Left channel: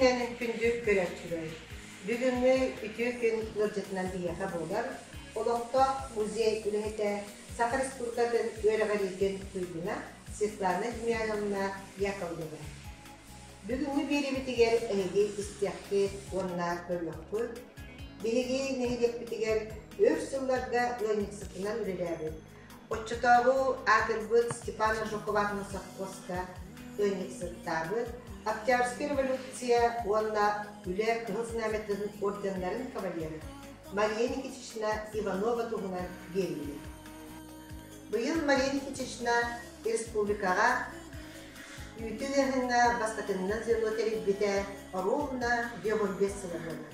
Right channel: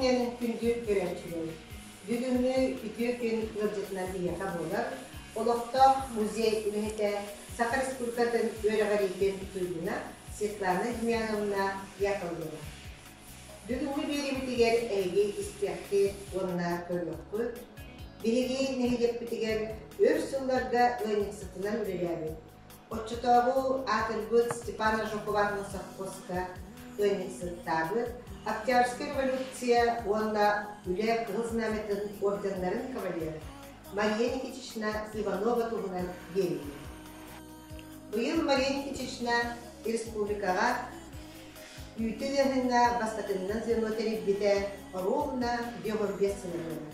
günlerin gündür görüntüleri. Bugünlü bütün gün kılıcıklar bir yaka bolar. Olukta muzey ülkede Sakar Respublika'nın öğreğigen tuyduna Svetlana Demyanovna yakıldı. Bugünlü biri bitiger eği istiyakti onunla bölüktü. Biri nehiyek bitiger örsüllarda öynik sıkınan üreledi. Otçutağı Atılbıt Stepana Jokovatna Safkoska öynik sıktadı. Октябрьская революция онна үле кылызнаметин ордендарын кавалері Мария Никитична Иванова туғынан берілді. Бұйыл Мария Никитична республикаға үйтілеріне басқатынынан зенотері біте ровна 5-5 сылығына.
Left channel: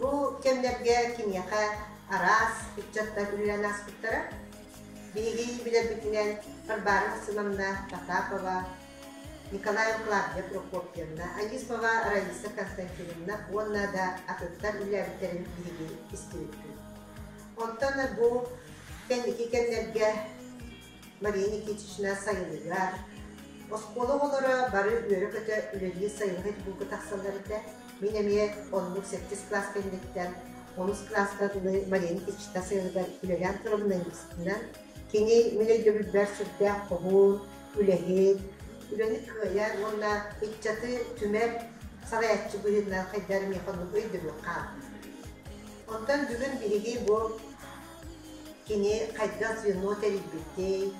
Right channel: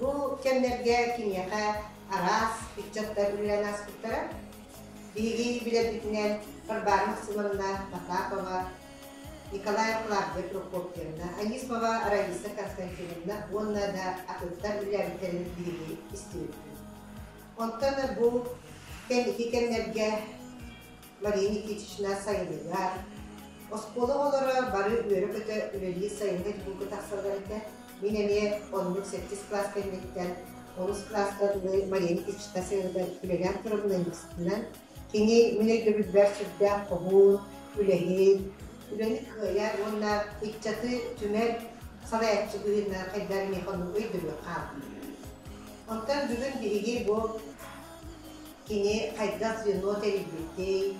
Бұл кемдерге кенеқа арас, пикчаттар үлен аспыттары бігі білебітінен Қарбарың Сымамна Татапова, Николай Клавдия Прокопьевна, Анисмова Раиса Константиновна, онна да акыттар үләбіттерін білге істейді. Онтаны бұл кәндекі кәндерге Мария Никитична сайылыға, осқолы олары бары өрі көті үлелі сайылғы бұл тақсаларыда, мен әме 10-8 класс кәндеттен, 10 класстадылы Мария Никитична сайылыға үлелен тұрымның үстінен, кені мене гөбілбәр сүрді қоғыл, үләхет, Üleni kıyar, onlar ikçatı tümer sarayatçı buyurlar, kaydar mekonu öydürü kaldı. Ondan bugün birigi bu kini kaydar suyunu teribbitti,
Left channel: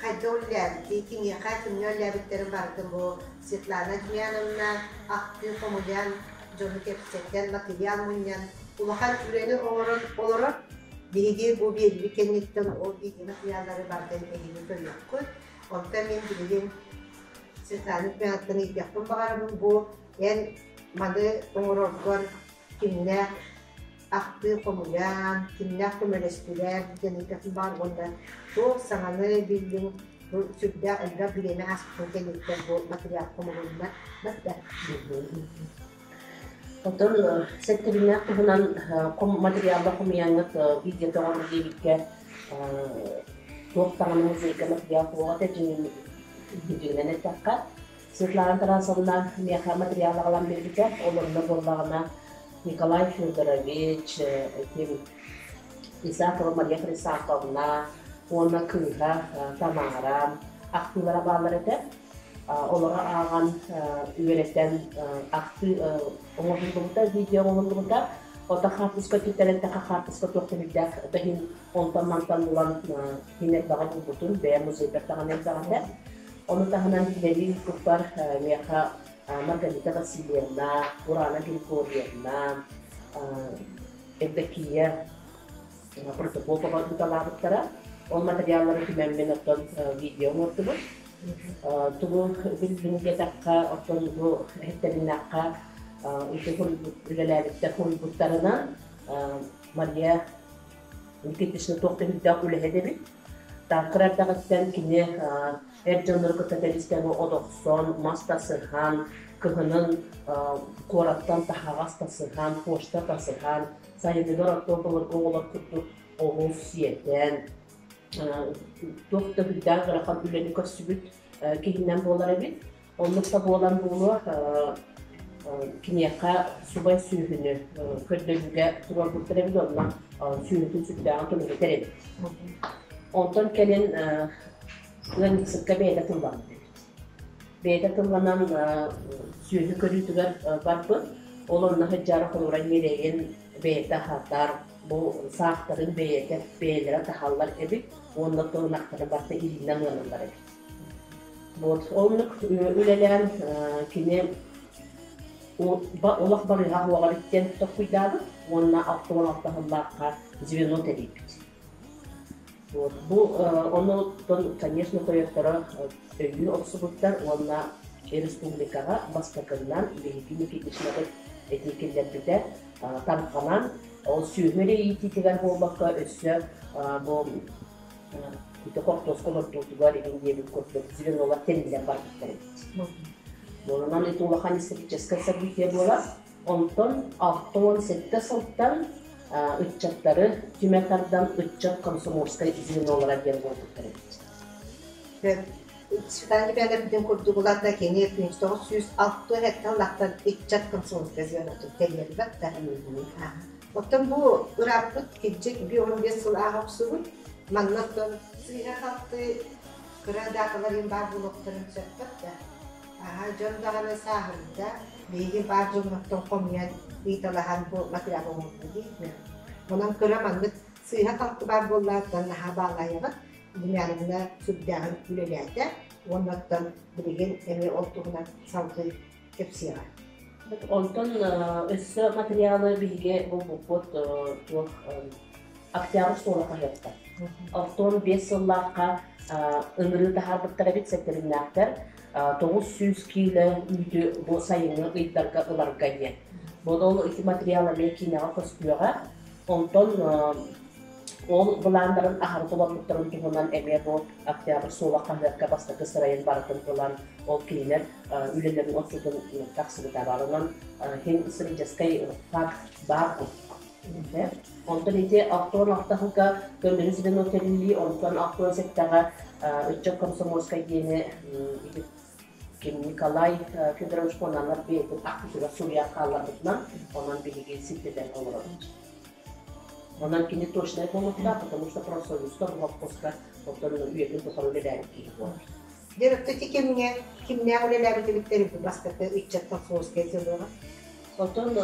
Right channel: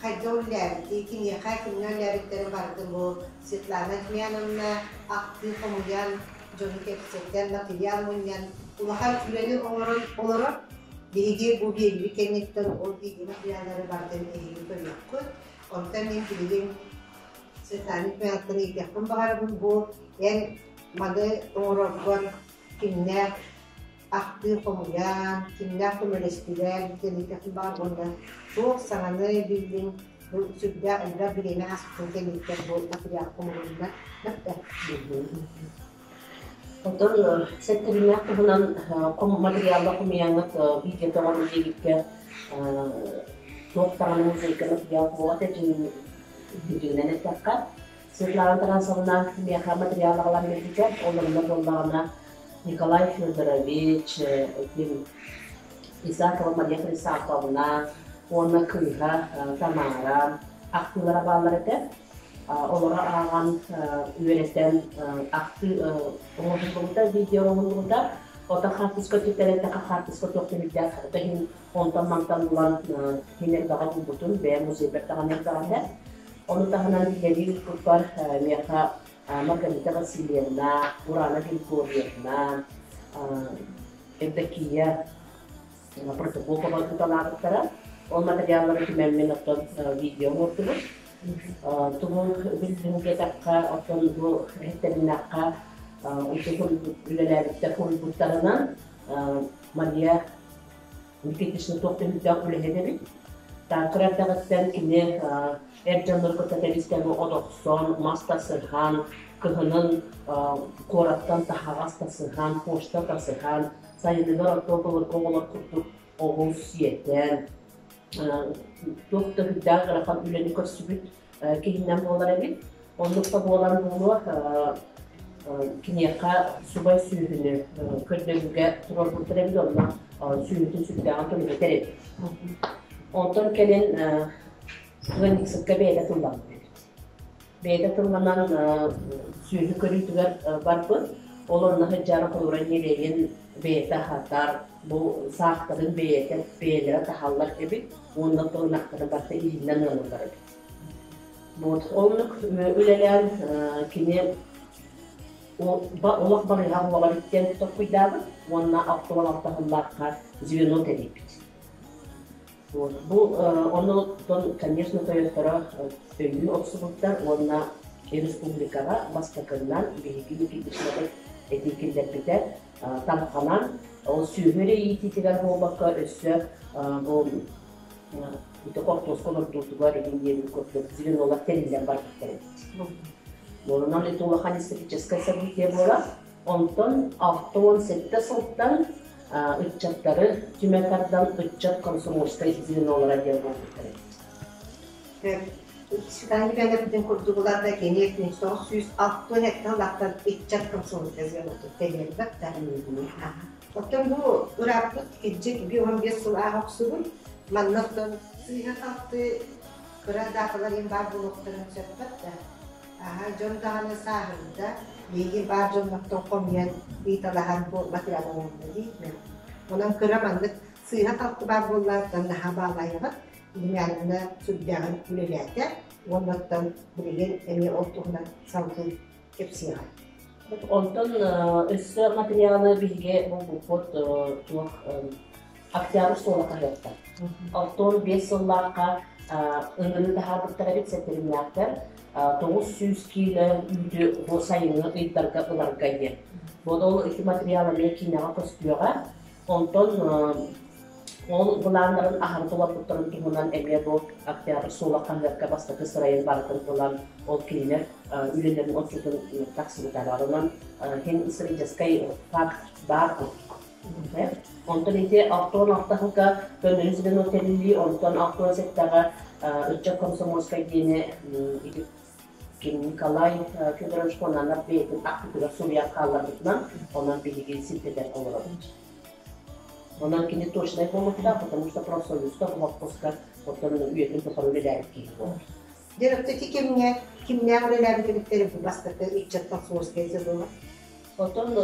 kaydar ullerdi, kini kaydar ullerliklerin vardı bu Svetlana Demyanovna, Akgün Komulyan, Johnny Kepset'ten materyal munyan, ulakan üleni olarak birigi bu birigi kennetten o bilgi materyalları vardı elini koyuyor. Ondan ben bilgim Svetlana Demyanovna'nı yaptım bakarım bu en madı oğruklar kimler aklı komulyan, kimler komülestiler, deneyim var onda çok sananı bildim bu sübde elde birine aslında deneyimler bu materyal komulyanlar nasıl bildim. Oton sektörüne kullanan materyallar komulyanlar video doğru diye çok tanımlı zeka materyal komulyanlar Gücünden ettikkat. Svetlana Tarasovna meha materyallarla birlikte onunla bollarına Nikolay Fyodorovich, İsakova Maria Kristakovna, ona Kıyha, Tamara, aktılara bağlar eder. Onlara ağan üyelekten aktı oğuzluluğunda, video oğuzluluğunda Ota harpisko tüterette harpisko toktimiddek dahin ontan mantan bulan hiner bağı bulbutun veya musibet tağın evdağında. Onu tahanan ileri kupar meha Margarita Vasilyevna, Urana Grigorievna, Evdakiya Protopopova tutalarıklara o materyalları tümenmen otun video ordu bu. Tuğun bildiğinge takka otun bu hetterin nakka ülelerde hulbutlarından Maria Nikitishna toktimiddek ülehedebit. Takrar dağıttan kine Ercanları kıtatelisken bu odokson, masta sırhan, kıhının korattan tahavasta sırhan, poşta da sırhan, sayınlılar otobalar oğular kutu oğul siyeten, doktor hüdden kırakan üleni kösübüt kihinden boğular ebit. Onlukta boğulan boğulu kineyaka subay süyühünü kördölüge turar buldur ebit onunla süyühütün sübüden tölüge terebit. Ondan kelin Güvenlik sıkka beyde tıllandı. Beyde tıllanan süyüzü körütüler barpı, olonla hıccara koyuran yeleğin beyde hatar, bu sağların beylere tahallar ebit, onunla tığınakları barta izinden alırlar ebit. Onluk üleleyen kini olak barıya havalar itten tutak kuydadı, onunla aktual altahıllarka zivino teribit. Bu onu конечно toyotlara öyle otobüsler ona Respublika'ya başbakandan bilgi fitişleri etiketler biter tanıkanan o sühüre itiler bu bakka össe bu bir kortos kolor tutular diye bir kortos zilin olarak terinden barklar. Bundan etola hani stratejik sabit bola ondan 6-7 sınıftan ıççakları tümekardan ıççak Komsomolskaya izin olarak yer oldu. Çıkan ben de bütün kurduğularda kendi ekmeği 906 hektar laktan içecektim sonuç yazıyor oldu. Belirli bak da. Otom bu rapot gidecek bir 15 yıl ahoksu bu. Manlıktan sıyha kalktı. Kıra dağların var bu noktanın sepet da. Aha, John Dağı'nın sahilde bilgi var John noktan komyan bir talahan bu material olmalı değil mi? Ondan kıra manlık sıyha kalktı var bunlardan daha bağlayarak. Dünyanın sübyanın ülelerde. Onlardan bilgin emeği olduğuna salgı hepsi var. Ondan össe materialı bilgi bu pot çok aktiyar sola kayatta. Afton 5 yıllarca ıngırı daha bir tarafı sektörinler 900 kilo üdü bu sayını ıйдарга ılargayı. Bu da iki materialı mekinağa fıskıyorlar. Ondan ol bulanların ahır dolaplıkların tuğundan emeğe bu aktiyar sola kayatta bastaki sırayın barakın olan ol kiliner ülelerin oturdun taksını tabarından hem sırıcıskay fark var. Ondan ite aktor noktalıka gönderizden otelli ondan aktor sektara Üççe Komsomolskaya yeni Nikolay Fedorovich Konanlar beytin aktifler Suriye kallarından ondan bilgi siteden olarak. Ondan kendi точно yapmamakta, потому что профсоюзда в отпусках ondan üyetin tutarlılar ki var. Direkteki kimliğe öyle birlikleri bu bastırdı İççe Komsomolskaya yazıyorlar. Ondan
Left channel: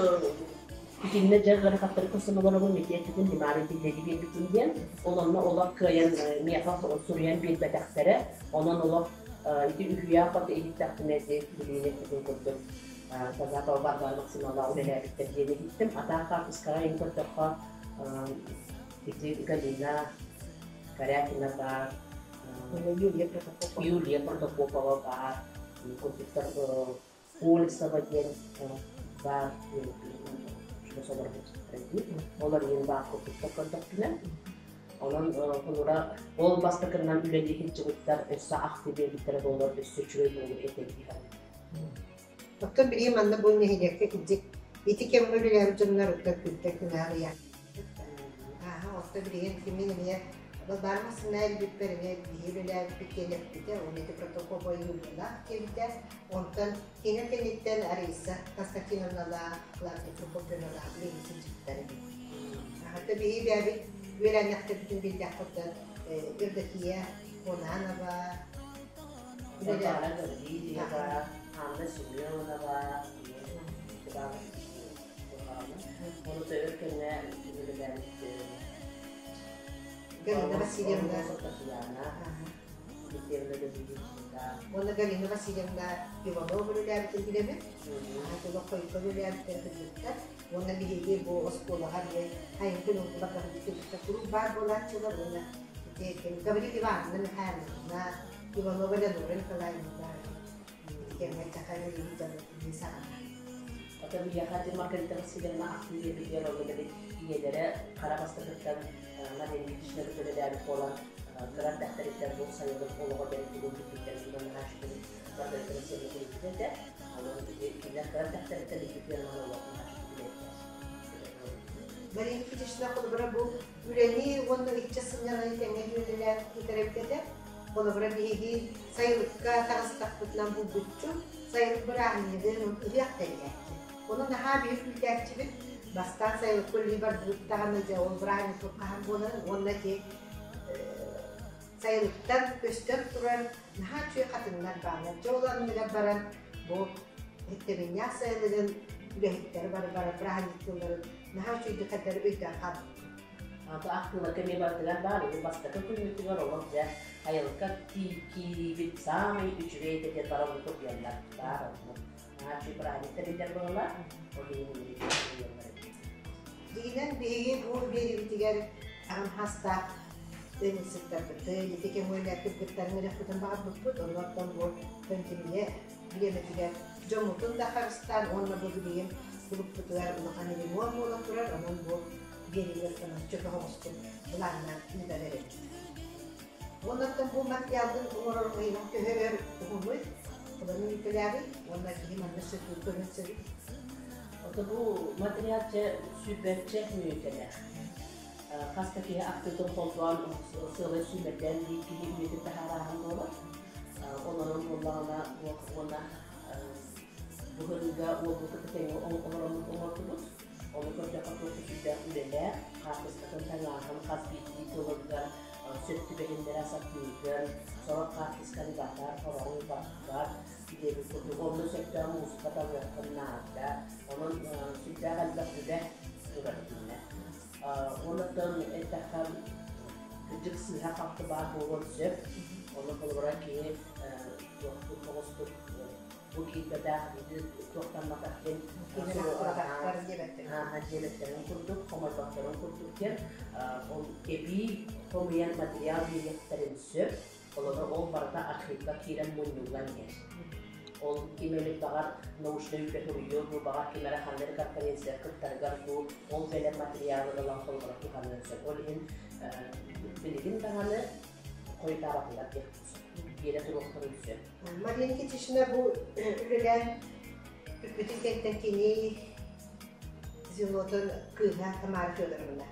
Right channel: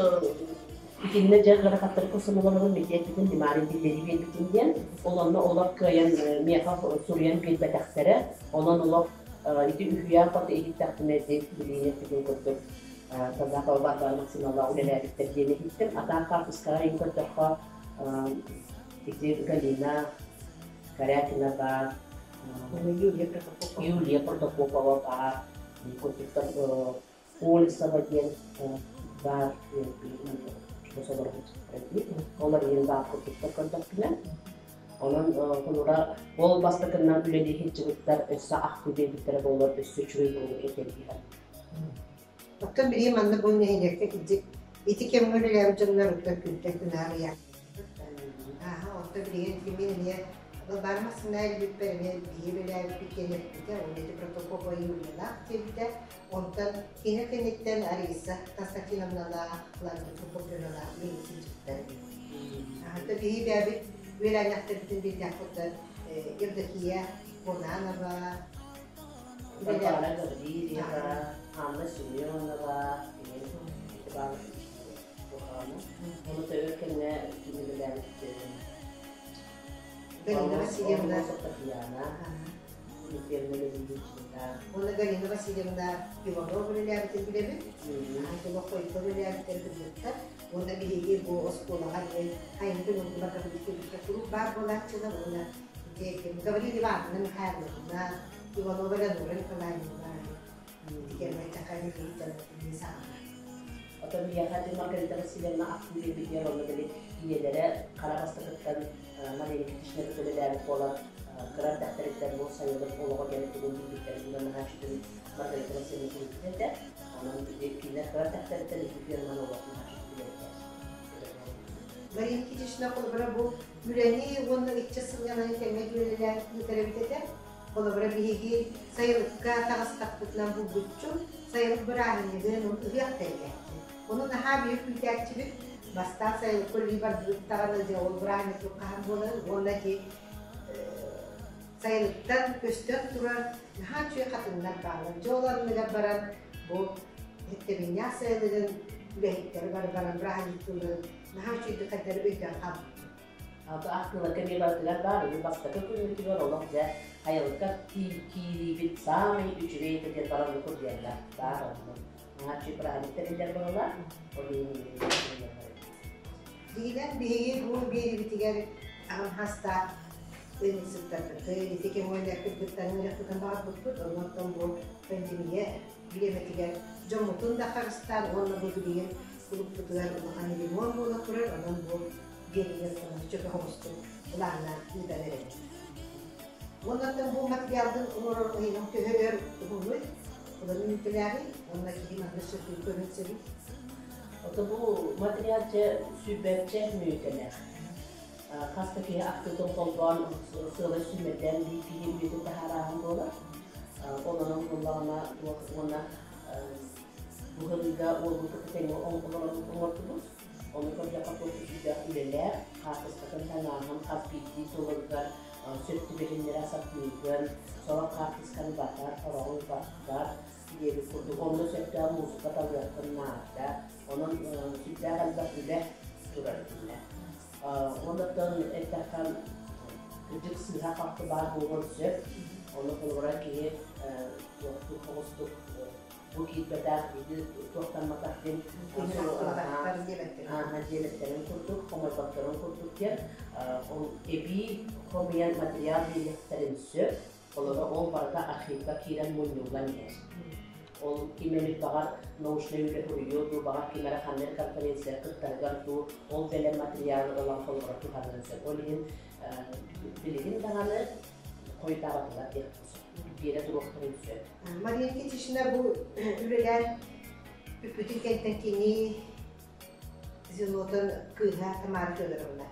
İkinci cerrah hattı kusunulanın medyatının limarın dilleri bir bitinden olanla olak kayan miyafaf Suriye'nin bir betaktere onun olak iki ühüya patı elit takdimeti bilgiyle gidin kurduk. Tazakı varlığı maksimala ulelerlikler diye gittim. Ata kartıskara en kırtıkha iki Galina, Karyakina var, Yulia Protopopova var, kurduklar Polisa var, Onlar yeni daha kurtuluşta kontaktiler. Onun konura ol bastıkından üleli hiç çıkıtlar össe aktive bittere dolar össe çürüğü olur eteliyor. Doktor biriyim anne bu nehirlikte gidecek. İti kemin öyleler canlar ötler kültek günahı yak. Aha orta biriyim kimin niye barmasın ne bir perine bir öyleler bir kelep bite o neti protokol yürüyorlar kevite ondan yine kenitten araysa tasakin onlarla kullandığı protokolalar neyse çıktılar. Hatta bir veren yaptı bütün bir yapıda irdakiye konana var. Bakala Gardiriya var, Hamle Sümyon'a var, onu da örkenle ünlüler Galina Vasilyevna. Ona Galina Vasilyevna Ivanov öyle bir bilemi. Hatta lokayıklar öyle bir bilgiler. Ona bilgi bu oskola hani hayın günü bakıp bir grup var bolatçılar ona. Diyelim Gavrili var ne hayalına. Ivanov öyle doğru kalayında. Gelmek takayı bir tane insan. Tabii yakati Margarita Vasilyevna aktive bir yer olmalı üyelere Karabastır'dan Madeni Kişileri Söylerlik olan Kırar Dehterlikler bu sayılır olarak gerektiğini bildiklerinden Haşit'in Margarita Vasilyevna kulübüde de onun ilkiler Kırar Dehterlikler iki firmanı olarak Margarita Kişileri kulübüne bu üreni onun iççesinin yanına temel üyeler yitirebildi de kulübüne bir sayılıkka tağıstaklıkla bu bütçü sayılık bir ahimiyede onun üyekteydi. Onun daha büyük ülkçilik bastan sayılık kulübü tağınıca ol brahmi tukahan bunu ondaki sayılıktan göster duran daha çok kadınlar bağlar. Çoğularını baran bu hettebinya sayılığın ülehitleri baran brahmitlerin daha çok dikkatleri ülken kaldı. Adı aklıma kemi bazılar var idi bastaka kulübü var olmak ya hayalka ki bir sami üçüge teker baran bu diyorlar var onu. Haçı brahmitler bağlar. Dilen bir bu bir bitiger hasta benim sıkıntı. Yeteki mühendislik kıtlarını yapıdan daha tuttu. Ondan bu pandemiye bilemediler. Camutun da Kars'tan onunla bu diyen grup tutular. Onu hani limon mu oturar. Ondan bu geriye sana çok hoştu. Bunlarla idare edin. Ondan bu materyalın umarım oyunun köhör bulmuş. Onların ülkeleri, ondaki limanlısı kültürünü bu materyalce süperçe müyteler. Hastaki aktıdan koltuğun sığlı sümekten bir üyeti daha rahat olur. Onların onlarına ona bu hızda olduğu kadar onların onlarımız onu kadar kapatmışlar üleler kartısın tanahım kasbiti tolga sütlü behinlere saklıyken sonra kartıskan batar falan batar diye bir kurdu onun sektör musika tavrlarında onun sütler albatıyla durarlar ondan etakam küçük silah hakkı var bu olacak onu olarak ki yoktu kostuk bu kitaplar gibi toplanmaktan haciyetlerin kurduk, komaybatların kurduk yer on ebi komayan materyal birliklerin söp onları on barda arxivga kiren munyulan yer ol kimelik bağır nauşna yüle huruyor bu bağır kimere hanner konferansiya kıttargar bu ol belen materyalı olan kollara tuhanırsa olin bilgin dağını koytabatlar yer yere duruqtırılsa. Mariya Nikitishna bu üreler bütün kentteki zilotun kıha Tamar Fyodorowna.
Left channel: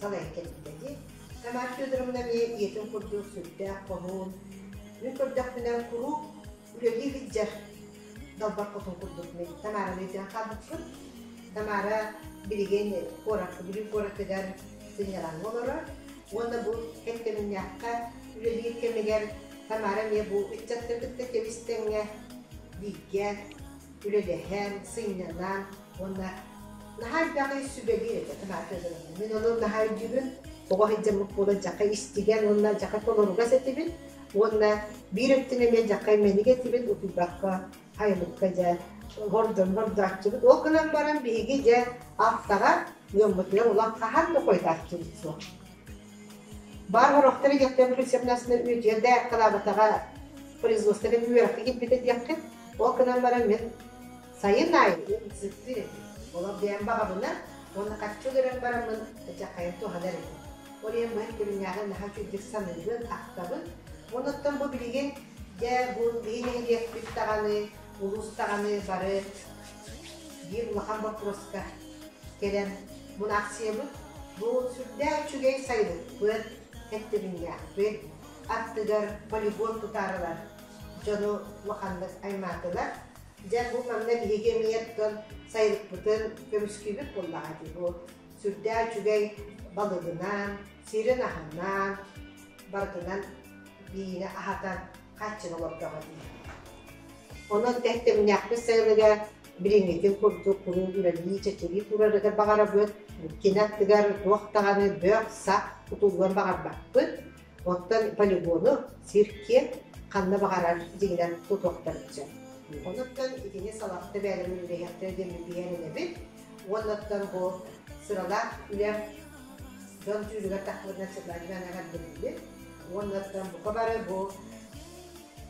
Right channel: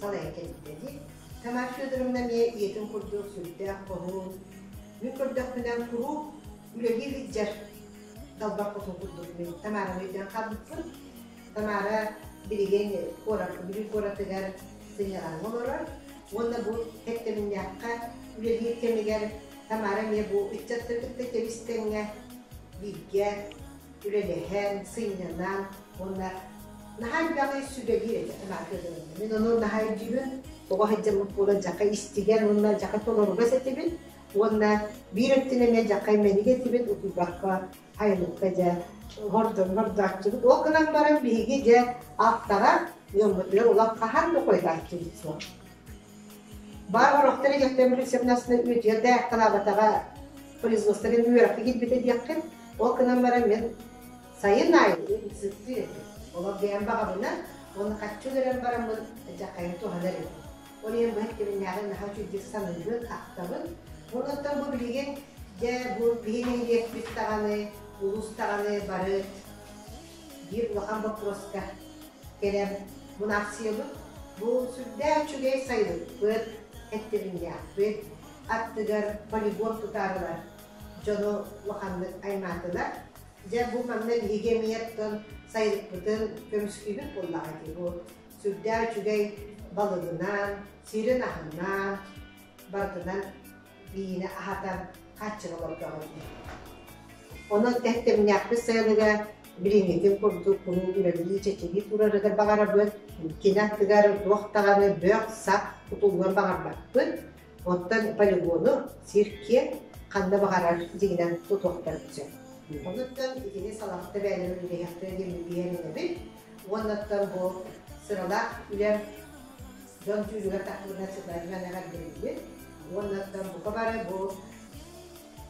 Salaya kentteki. Tamar Fyodorowna me yetim kurdu sülde kohun. Min kurdak bilen kuru üreli hiccer dalbar kotun kurduk men. Tamar'a meydan kaldıksın. Tamar'a bilgen koratıgar sinyalan olarak. Onda bu hettemin yakka üreli kemiger Tamara me bu içattırdıkta kevistenge bilge ülelehen sıynanan onda nahar bağı sübeli Tamara kızarım. Men onun nahar cibin oğa hicamı pola jaka istigen onda jaka tolonu gazetibin onda bir öttine me jaka meni getibin utubakka haylıkkaca hordakçılık o kanan baran bilgice alttaga yomutlar olap kahar mı koydakçılık so. Бар хорохтары яктан рецептнасына үтелдә калабатага производстводан үерәк гитбите дияктен ол кынан бара мен сайын ай ситти ола бәян багабына оны каччылардан бара мен жакайын туханар ол ем бу хекемен ягын хачу диксанын актабын онуттан бу билген же бу бигенен дек биттаганы улустаганы бары бир лахан вопроска келем бу акция бу сүрдә чугай сайын бу Ettiringe ve attıgar polibor tutarlar. Jono vakanlık aymadılar. Bu mamla higemiyetten sayılık bütün kömüskübük bollağı bu. Sürdağ çügey balığından, sirin ahından, bardınan biyine ahatan kaçın olup dağıdı. Onun tehtemini yaptı sayılığa bilingetin kurduk, bunu üreliği çeçeği turarıgar bağara böt, kinattıgar doğtağını bök, sak, Kutulgan bakar bakın, ondan poligonu sirke kanına bakarar zengin tutuklar için. Ondan ikine salakta beğenimi bile yaptırdım diğerine bir. Ondan bu sırada ile dön tüyüne takılına çıklarına ne kadar bilir. Ondan bu kadar bu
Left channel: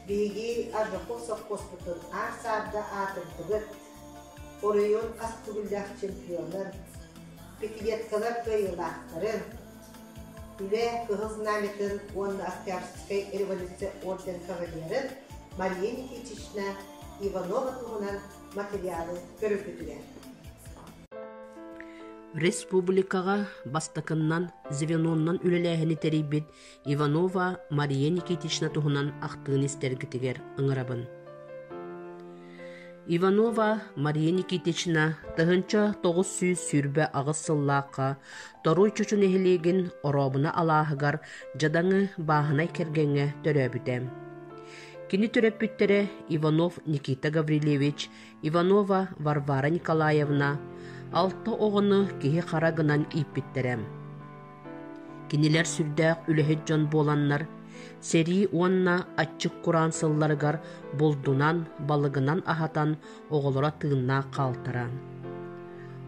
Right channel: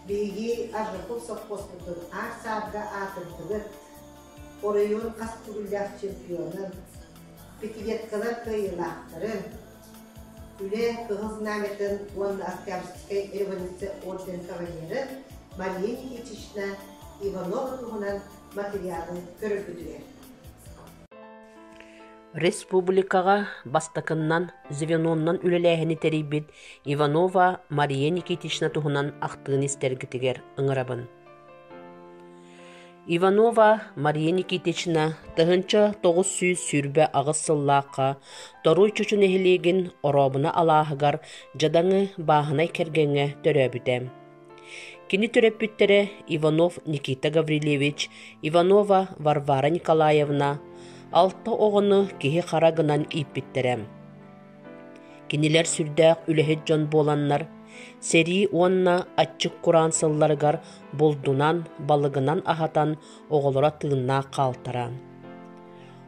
bilgi arıqı sokos tutun. Asabda atıldığı Orayın kastugullar çempiyonun petiyetkalar kıyılarların Üle kıhız nametin onun askerskay ervanisi orden kavaliyerin Mariya Nikitishna Ivanova tuğunan materyalın körüpüdüler. Республикаға бастакыннан звеноннан үлеләһини терибит Иванова Мария Никитична туһунан ахтыын истергитигер ыңырабын. Иванова Мария Никитична тыһынча 900 сүрбе агыс сыллааққа торуй чучун эхилигин оробуна алааһыгар жадаңы бааһынай кергеҥҥэ төрөбүтэ. Кини төрөппүттере Иванов Никита Гаврилевич, Иванова Варвара Николаевна, алты оҕону киһи харагынан ииппиттерем. Кинилер сүрдээх үлэһит дьон буоланнар, сери уонна аччык кураан сылларыгар булдунан, балыгынан ахатан оҕолора тыыннаах хаалтара.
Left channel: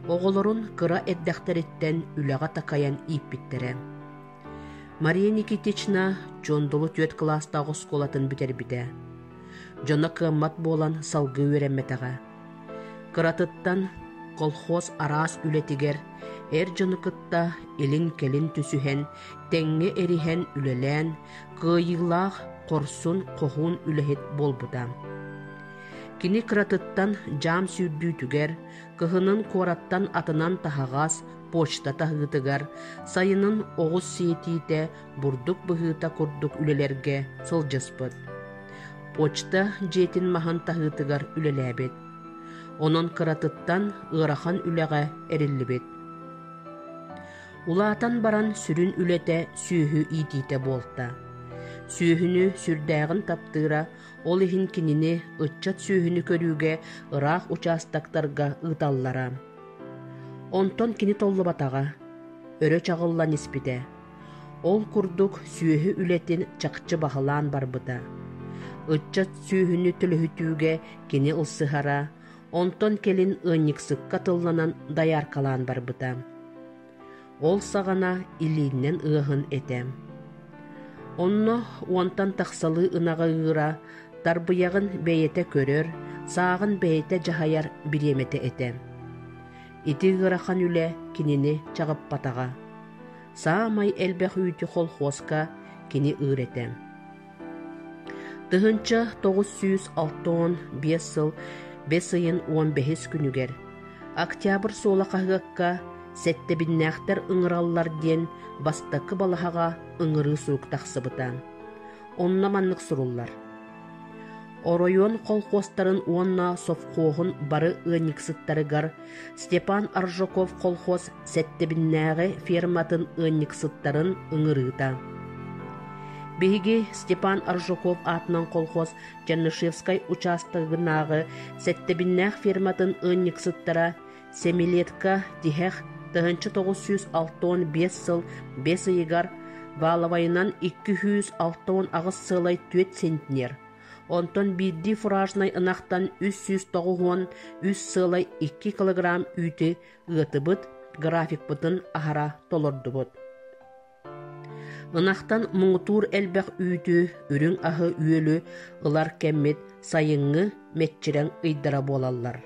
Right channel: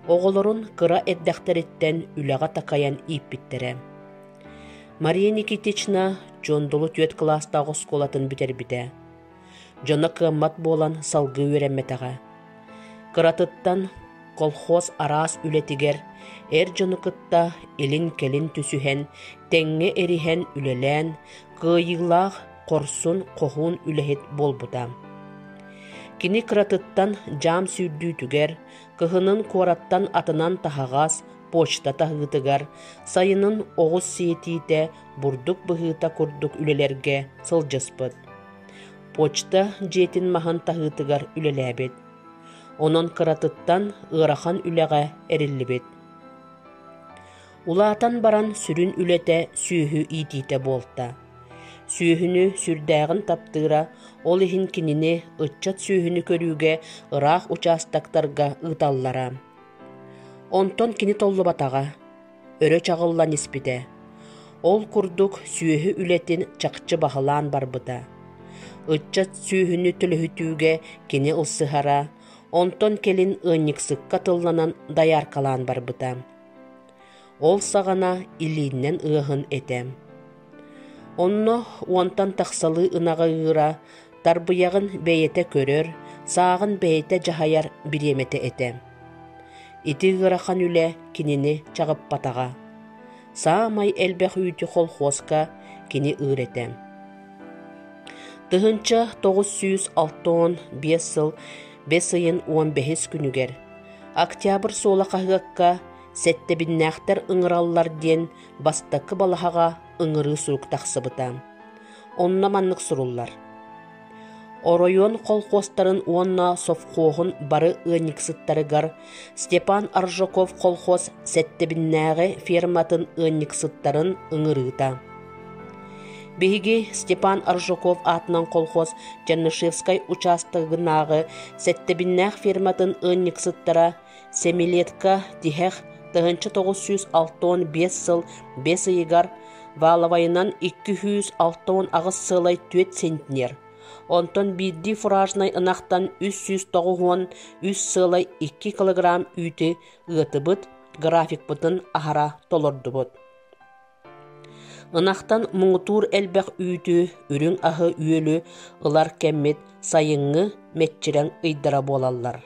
Оҕолорун кыра эддэхтериттен үлэҕэ такайан ииппиттере. Мария Никитична дьондолу түөт класстагы сколатын битербите. Дьона кыаммат буолан салгы үөрэммэтэҕэ. Кыратыттан колхоз араас үлетигер, дьонукытта илин-келин түсүһэн, тэҥҥэ эриһэн үлэлээн, кыайыылаах корсун кохуун үлэһит болбута. Кини кыратыттан жаам сүүрдүүтүгер, кыһынын куораттан атынан таһаҕас, почта таһыытыгар, сайынын оҕус сиэтиитэ бурдук быһыыта курдук үлэлэргэ сылдьыспыт. почта жетин махан тахытыгар үлеләбет. Онон кыратыттан ырахан үлеге эриллибет. Улаатан баран сүрүн үлете сүйүхү итите болта. Сүйүхүнү сүрдәгын таптыра, ол ихин кинини ытчат сүйүхүнү көрүүгө ыраах участактарга ыталлара. Онтон кини толлу батага, өрө чагыллан испите. Ол курдук сүйүхү үлетин чакчы бахалаан барбыта. Ытчат сүйүхүнү төлөһүтүүгө кини ылсыхара, онтон келин ынниксыкка тылланан даяркалаан барбыта. Ол сагана илииннен ыахын этем. Онно уонтан тахсалы ынага ыыра, тарбыягын бэйете көрөр, саагын бэйете жахаяр биремете этем. Ити ыарахан үле кинини чагып батага. Саамай элбэх үйті холхозка кини ыыретем. Тыһынча 965 сыл 5 айын 15 күнүгер. Октябрь сола кахыгакка сеттебиннäхтер ыңыраллар ден бастакы балахага ыңыры сурук тахсыбыта. Онна маннык суруллар. Оройон колхозтарын уонна совхоғын бары ынниксыттарыгар Степан Аржаков колхоз сеттебиннäge ферматын ынниксыттарын ыңырыта. Биһиги Степан Аржаков атынан колхоз Жанышевскай участогынагы сеттебиннäг ферматын ынниксыттара Семилетка тихех 1965 сыл 5 айыгар Валавайынан 260 агыс сылай 4 центнер. Онтон бидди фуражнай ынақтан 390 сылай 2 килограмм үйті ытыбыт, график бұтын ахара толордубыт. Ынақтан мұңытур әлбәқ үйті үрің ахы үйелі ылар кәммет сайыңы метчірен ыйдара болалар.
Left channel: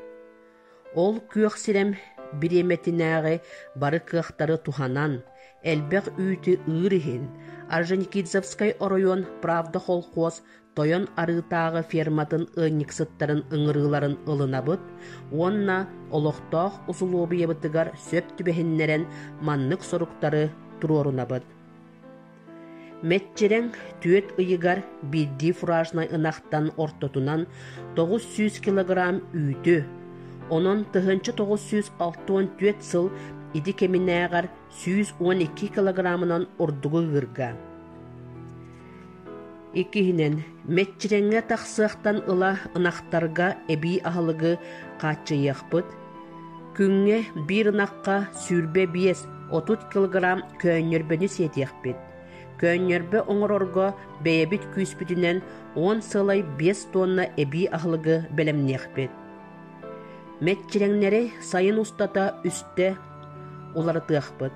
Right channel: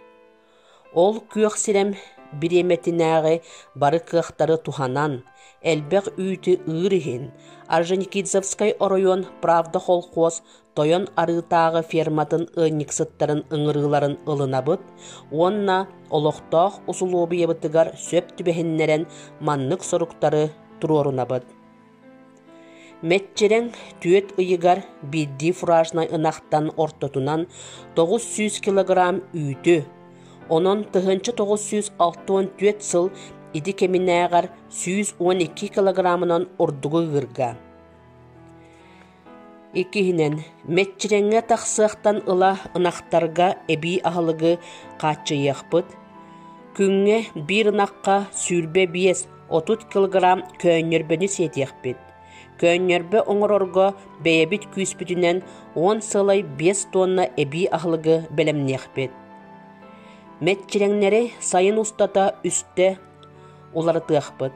Ол күйек сирем биреметинәғі бары кықтары туханан, әлбәқ үйті ырыхин, Орджоникидзевскай оройон Правда холхоз тойон арытағы ферматын ынниксыттарын ыңырыларын ылынабыт, онна олықтақ усулуобы ебытыгар сөп түбәхіннерен маннык соруктары турорунабыт. Метчерен түйет ыйыгар бидди фуражнай ынақтан ортотунан 900 килограмм үйті, онон тыһынчы 964 сыл иди кеминәгар 112 килограммынан ордугы гырга. Икихинен метчиреңе тахсыахтан ыла ынақтарга эби ахылыгы качыйахпыт. Күңге бир ынаққа сүрбе 5-30 килограмм көннербені сетияхпыт. Көннербе оңорорго бейебит күйспүтінен 10 сылай 5 тонна эби ахылыгы белемнеяхпыт. Метчиреңнери сайын устата үсте уларытыахпыт.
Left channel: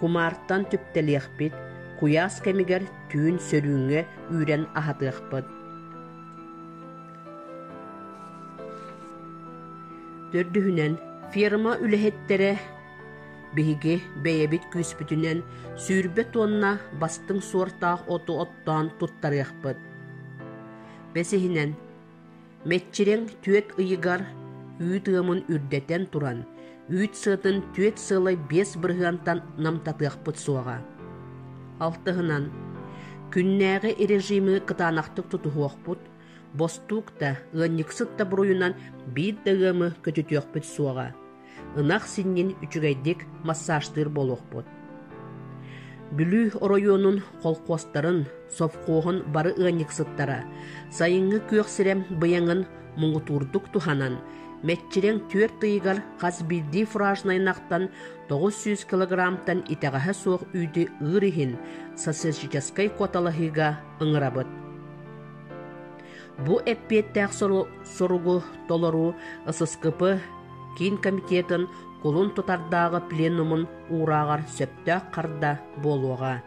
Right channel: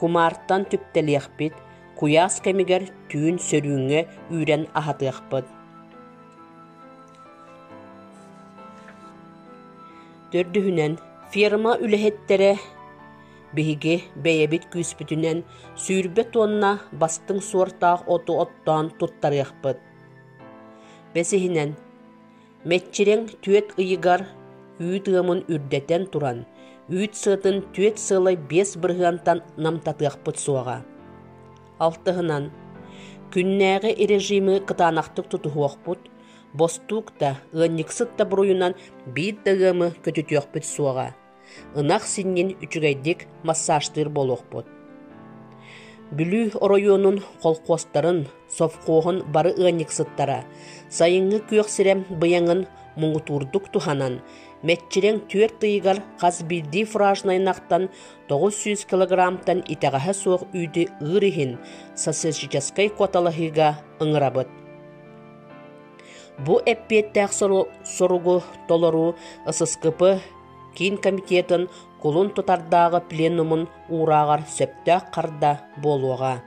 Кумартан түптелияхпыт. Куяс кемигер түйін сөрүңе үйрен ахатыахпыт. Төрдүхүнен ферма үлэхеттері биһиги бейебит күйспүтүнен сүүрбе тонна бастың суортаах оту оттан туттарыахпыт. Бесихинен метчирең түет ыйыгар үйт ымын үрдетен туран, үйт сытын түет сылай 5 бырғантан намтатыахпыт суаға. Алтыһынан күннәге режимы кытанақтық тутуохпут, бостукта ынниксытта буруйунан бит дагымы көтүтүөхпүт суаға. Ынақ синнин үчүгайдик массажтыр болохпут. Бүлү оройонун колхозтарын, совхоғын бары ынниксыттара, сайыңы күйөк сирем быяңын муңутурдук туханан, метчирең түер тыйгар қаз бидди фуражнайнақтан 900 килограммтан итағаха соқ үйді ырыхин сосисческай коталахыга ыңырабыт. Бу эппеттәк соругу толору ысыскыпы кин комитетін кулун тутардағы пленумын урағар сөптәк қарда болуға.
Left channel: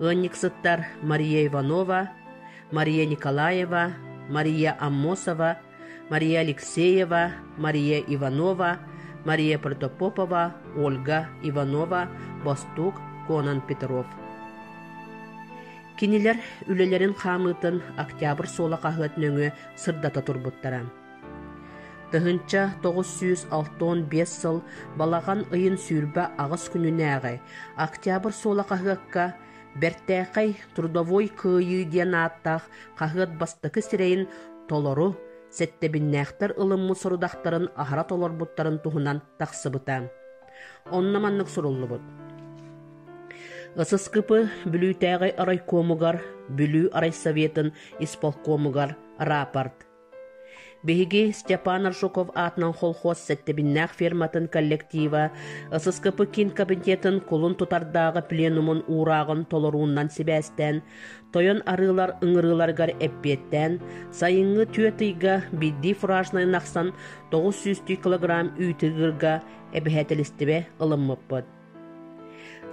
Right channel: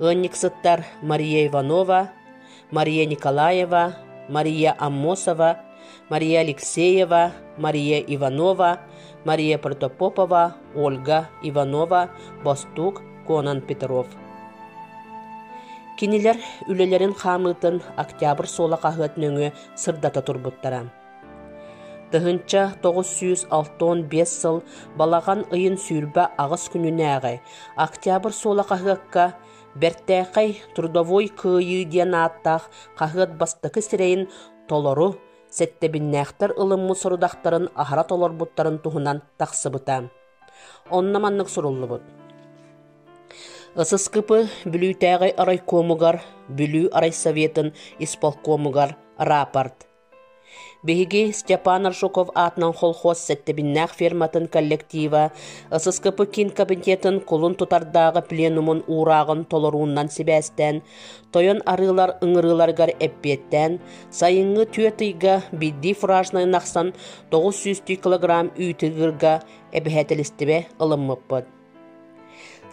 Ынниксыттар Мария Иванова, Мария Николаева, Мария Аммосова, Мария Алексеева, Мария Иванова, Мария Протопопова, Ольга Иванова, Бостук, Конан Петров. Кинилер үлелерин хамытын октябрь сола қағытнөңі сырдата турбуттара. Тыһынча 965 сыл балаған ыйын сүүрбә ағыс күнүнәгы октябрь сола қағыққа Бертэхай трудовой кыйы диэн ааттах қағыт бастықы сирейін толору сеттебиннәхтер ылыммы сорудақтарын ахара толорбуттарын туһунан тахсыбыта. Онна маннык суруллубут. Ысыскыпы бүлүүтәгай арайкомугар, бүлүү арайсоветін исполкомугар рапорт. Беги Степан Аршуков атынан холхоз сеттебиннәх ферматын коллектива ысыскыпы кин кабинетын кулун тутардағы пленумун урағын толоруунан себәстен, тойон арылар ыңырыларгар эппеттен, сайыңы түйетыйга бидди фуражнай нақсан 900 килограмм үйтігірга эбихетелістібе ылыммыппыд.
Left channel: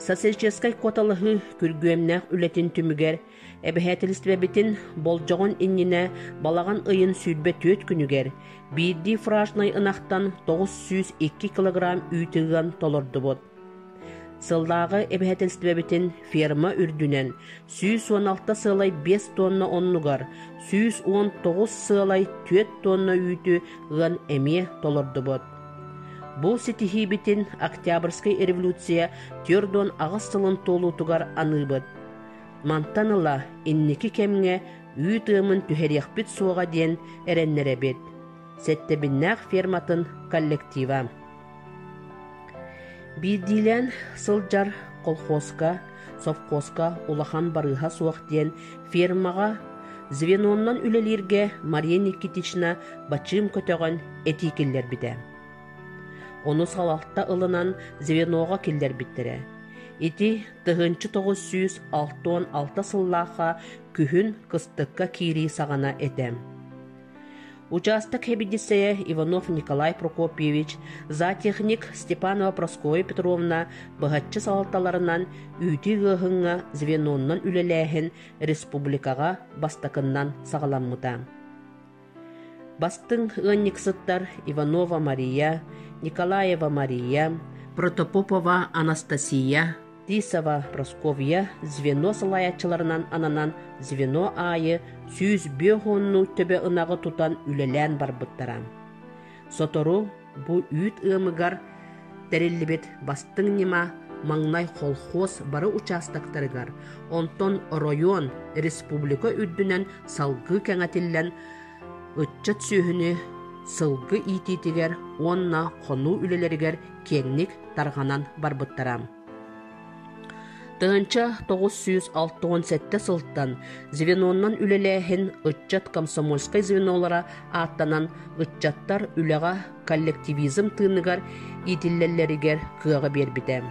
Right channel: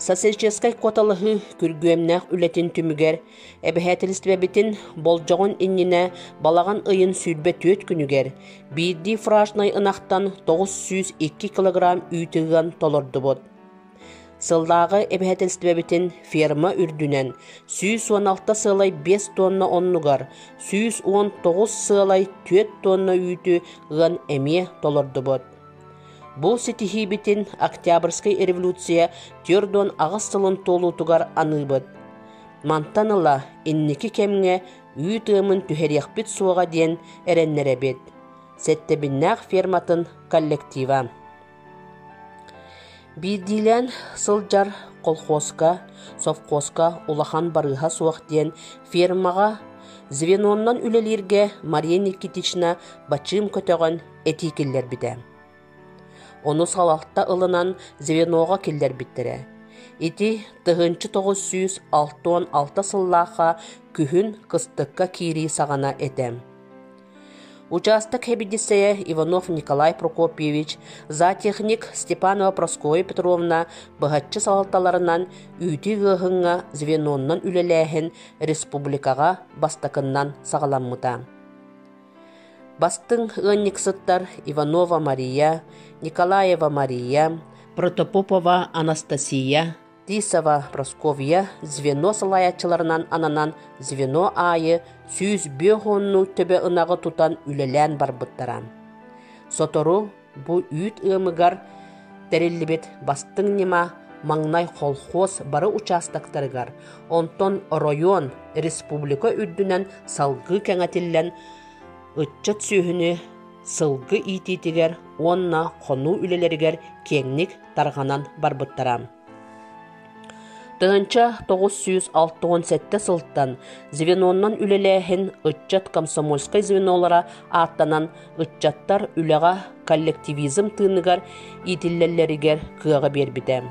Сосельческай коталығы күргөмнәк үлетін түмігер, эбихетелістібе бітін болжағын инніне балаған ыйын сүлбе төт күнігер, бидди фуражнай ынақтан 902 килограмм үйтігін толырды бұд. Сылдағы эбихетелістібе бітін ферма үрдінен 116 сылай 5 тонна оннугар, 119 сылай 4 тонна үйті ғын әме толырды бұд. Бұл сетихи бітін Октябрьскай революция түрдон ағыз сылын толутугар аныбыд. Мантаныла инники кемге үйтімін түхерияқпіт суға ден әреннері бет. Сеттебіннәқ ферматын коллектива. Бидилен сылжар колхозка, совхозка улахан барыға суақ ден фермаға звеноннан үлелерге Мария Никитична бачым көтіған этикеллер біді. Оны салалта ылынан звеноға келдер біттірі. Ити 1966 сыллаға күхін кыстыққа кири сағана етем. Участок хебедисея Иванов Николай Прокопьевич, затехник Степанова Прасковья Петровна бұғатчы салалталарынан үйті ғығынға звеноннан үлеләхін республикаға бастақыннан сағаламмыта. Бастың ғынниксыттар Иванова Мария, Николаева Мария, Протопопова Анастасия, Тисова Прасковья звено салаячыларынан ананан звено айы 105 төбе ынағы тутан үлелән барбыттарам. Сотору бу үйт ымыгар тәреллібет бастың нема маңнай колхоз бары участактарыгар, онтон район республика үрдінен салғы кәңәтіллән үтчет сүйіні сылғы ититігер, онна қону үлелерігер кеңнік тарғанан барбыттарам. Тығынча 967 сылттан звеноннан үлеләхін үтчет комсомольскай звенолара аттанан үтчеттар үлеға коллективизм тыыныгар итиллелерігер кыға бербітем.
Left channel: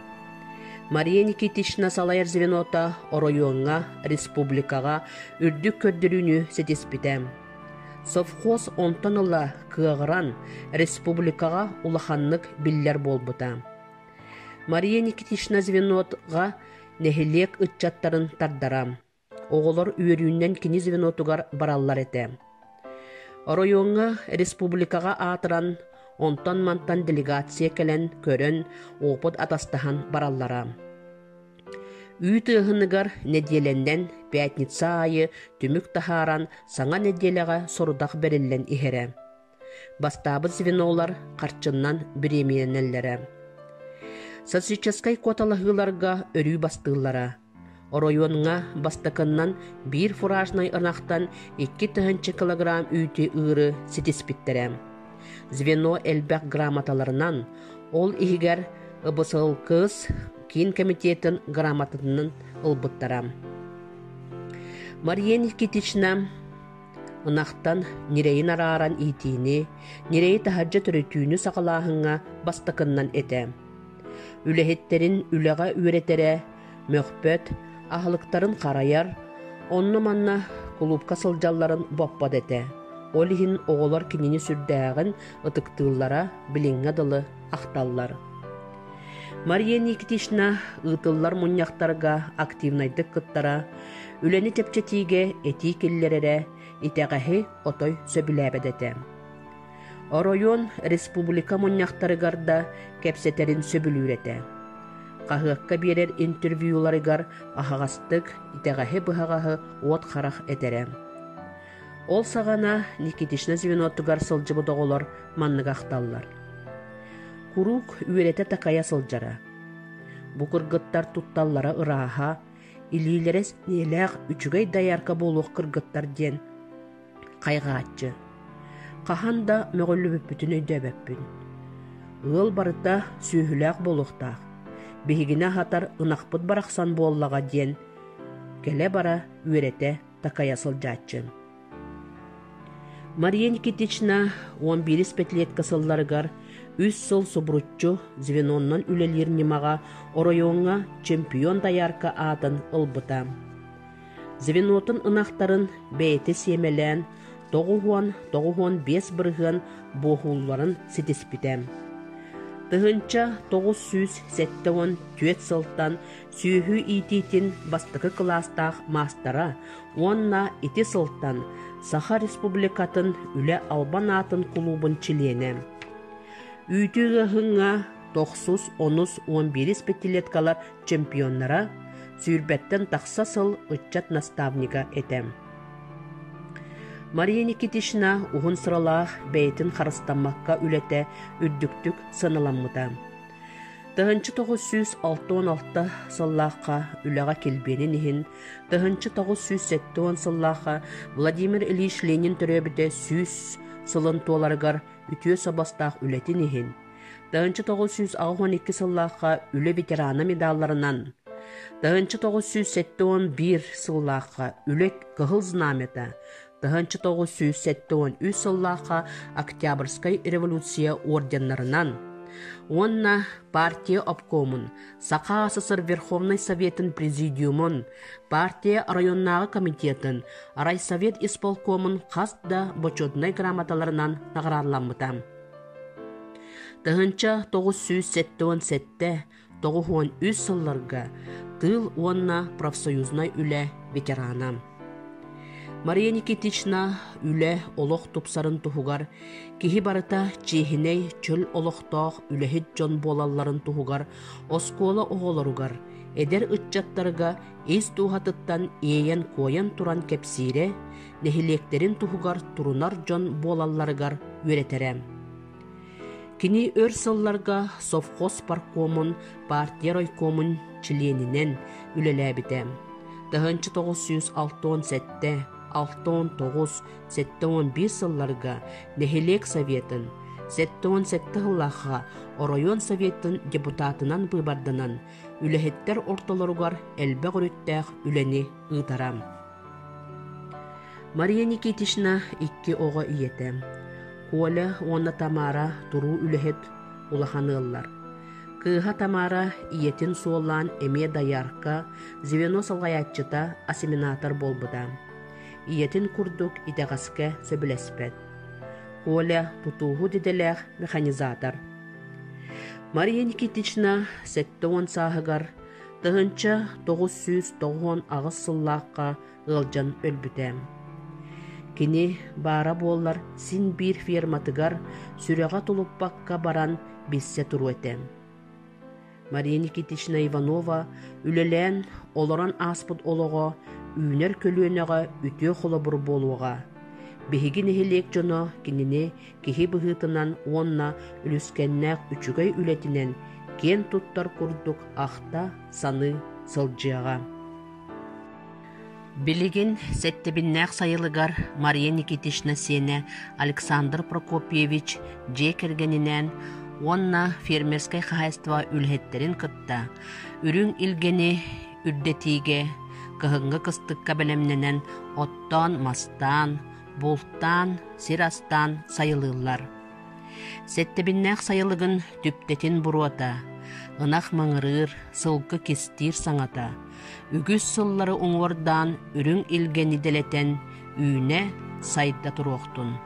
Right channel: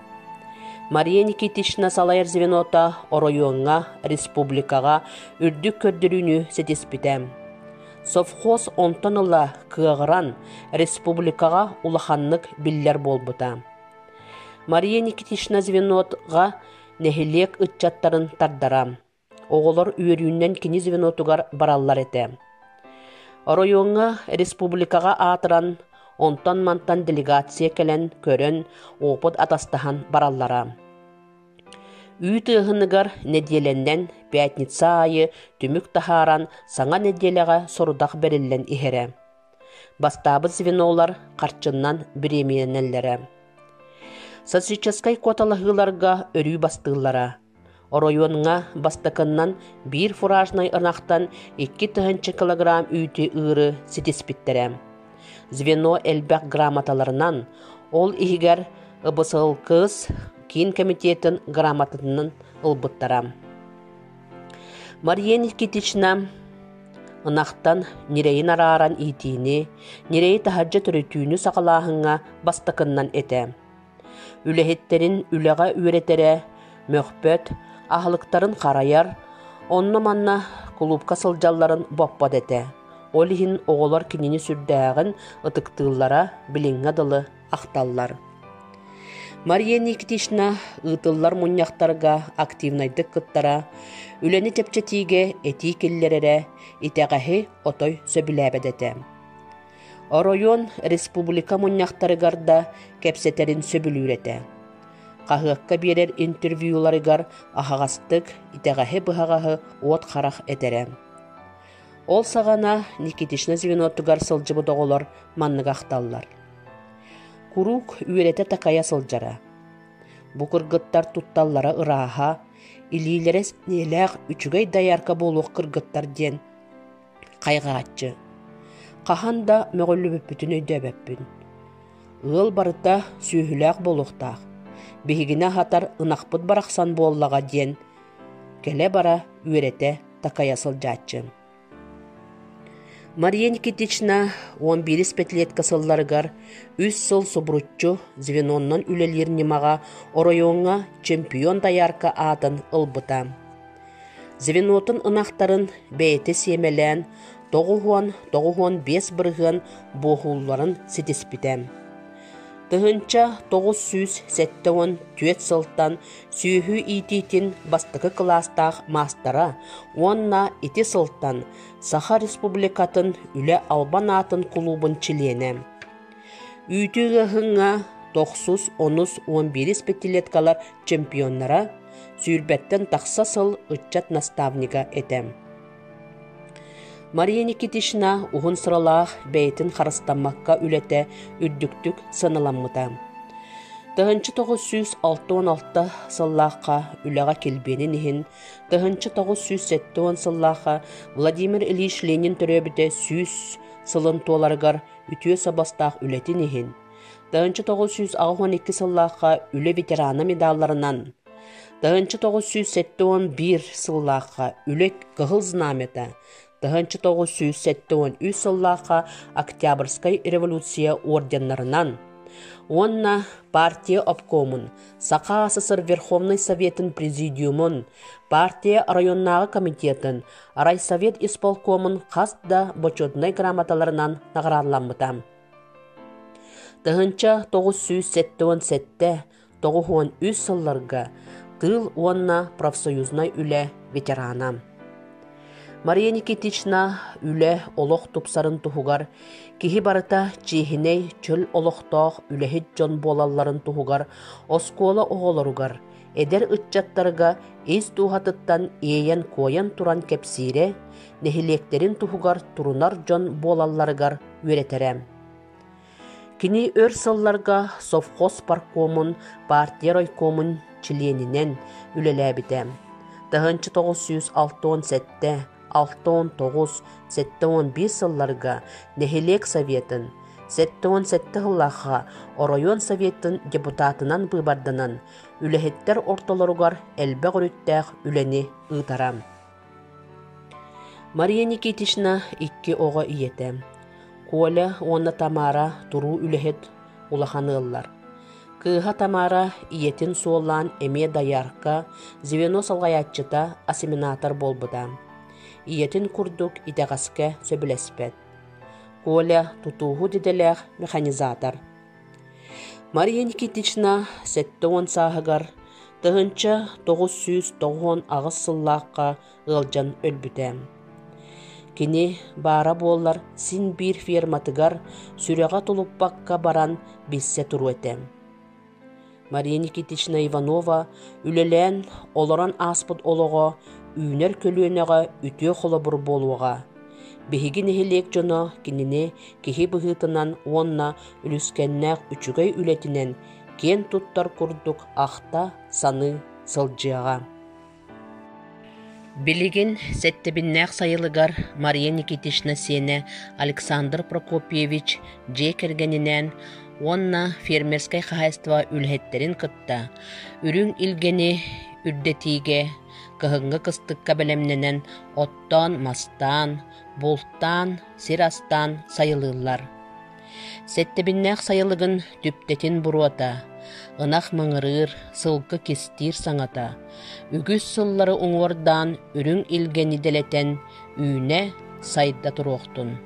Мария Никитична салайыр звенота оройонға, республикаға үрдік көрдіріні сетеспітем. Совхоз онтаныла кыағыран республикаға улаханлык биллер болбыта. Мария Никитична звенотға нәхилек үтчаттарын тардарам. Оғылар үйерүйінен кені звенотугар бараллар еті. Оройонға республикаға атыран, онтан мантан делегация кәлін көрін опыт атастахан бараллара. Үй тығынығар неделеннен пятница айы түмік тахаран саңа неделеға сорудақ берілен ихере. Бастабы звенолар қарчыннан біременелері. Социальческай коталығыларға өрүй бастығылара. Оройонға бастықыннан бір фуражнай ынақтан 2 килограмм үйті ұры сетеспіттірі. Звено әлбәк грамоталарынан ол ихігер ұбысыл кыз кейін комитетін грамотының ұлбыттарам. Мария Никитична ынақтан нерейін араран итini, нерей тахаджа түрітүйіні сақалағыңа бастықыннан еті. Үлехеттерін үлеға үйретере, мөхпөт, ахылықтарын қараяр, онны манна клубка сылжалларын боппад еті. Олихин оғылар кинини сүрдәғін ытықтылара біліңға дылы ақталлар. Мария Никитична ытыллар мұньяқтарға активнайдық кыттара, үлені тепчетиге эти келлерere итәғәхи отой сөбіләбәдеті. Оройон республика мұньяқтарыгарда кәпсетерін сөбілүреті. Қағыққа берер интервьюларыгар ахағастық итәғәхи бұхағағы от қарақ етере. Ол сағана Никитична звенотугар сылжыбы доғылар манныға ақталлар. Курук үйреті тақая сылжара. Бұқыргыттар тутталлара ыраға, илилерес нелег үчүгей даярка болук кыргыттар ден кайгаатчы. Кахан да мөголлүбүппүтүн өйдөбөппүн. Ыл барыта сүүхүлээх болуктаах. Бихигине хатар ынакпыт барахсан боллага ден келе бара үөрете такаясыл жаатчы. Мария Никитична 11 петлетка сылларыгар 3 сыл собруччу звеноннан үлелер немага оройоңа чемпион даярка атын ылбыта. Звенотын ынактарын бейте семелен 9-5 бырыгын бохулларын сетеспитем. Тыгынча 974 сылтан сүйхү ититин бастыкы класстах мастера, онна ити сылтан Саха Республикатын үле Албан атын клубын члене. Үйтігі хыңа 9-11 пятилеткалар чемпионнара сүйірбеттен тақса сыл үтчат наставника етем. Мария Никитична уғын сыралақ бәйтін қарыстанмаққа үлете үддіктік сыныламыда. Тығынчы 966 сыллаққа үліға келбенін ехін, тығынчы 970 сыллаққа Владимир Ильич Ленин түребіде 100 сылын толарғар үтіе сабастақ үлетін ехін. Тығынчы 912 сыллаққа үлі ветерана медалларынан, тығынчы 971 сыллаққа үлек қығыл знамета, тығынчы 973 сыллаққа Октябрьскай революция орденларынан, онна партия обкомын, Саха СССР Верховный Советын президиумын, партия районнағы комитетін, райсовет исполкомын қасда бочетнай грамоталарынан нағырарланмытам. Тығынча 977-913 сылларға тыл онна профсоюзнай үлі ветеранам. Мария Никитична үле олох тупсарын тухугар, кихи барыта чехиней чөл олохтоох үлехит жон болалларын тухугар, оскола оголоругар, эдер ытчаттарыга эс тухатыттан эйен коян туран кепсире, нехилектерин тухугар турунар жон болалларыгар үретерем. Кини өр сылларга совхоз паркомун, партия райкомун членинен үлелебитем. Тыгынчы 967 69-715 сылларга Нехилек Советін, 717 хыллаха Оройон Советін депутатынан быбардынан үлехеттер орталаругар әлбәг үріттәк үлені ұйтарам. Мария Никитична 2 оға иетем. Коля онна Тамара туру үлехет улаханыллар. Кыха Тамара иетін солан эме даярка звено салгаятчыта ассиминатор болбыда. Иетін курдук итағаске сөбілеспет. Коля тутуғу диделех механизатор. Мария Никитична 7 сағығар, тығынча 990 ағыз сыллаққа ғылжан өлбітем. Кені бара боллар син бір ферматыгар сүреға тұлыппаққа баран биссе тұру етем. Мария Никитична Иванова үлелен оларан аспыт олығы үйнер көлуенеға үтіе қолабыр болуға. Бехиги нехилек жоно кинине кихи быхытынан онна үліскеннәк үчүгей үлетінен кен туттар курдук ахта саны сылжыға. Билигин сеттебиннәк сайылыгар Мария Никитична сене Александр Прокопьевич жекергенінен онна фермерскай хозяйство үлхеттерин кытта. Үрүң илгени үрдетиге кыһыңга кыстыкка белемненен оттан, мастан, болттан, сирастан сайылылар. Сеттебиннәк сайылыгын түптетин буруата, ынах маңырыр, сылкы кестир саңата. Үгүс сыллары оңордан үрүң илгени делетен үйне сайда туруқтун.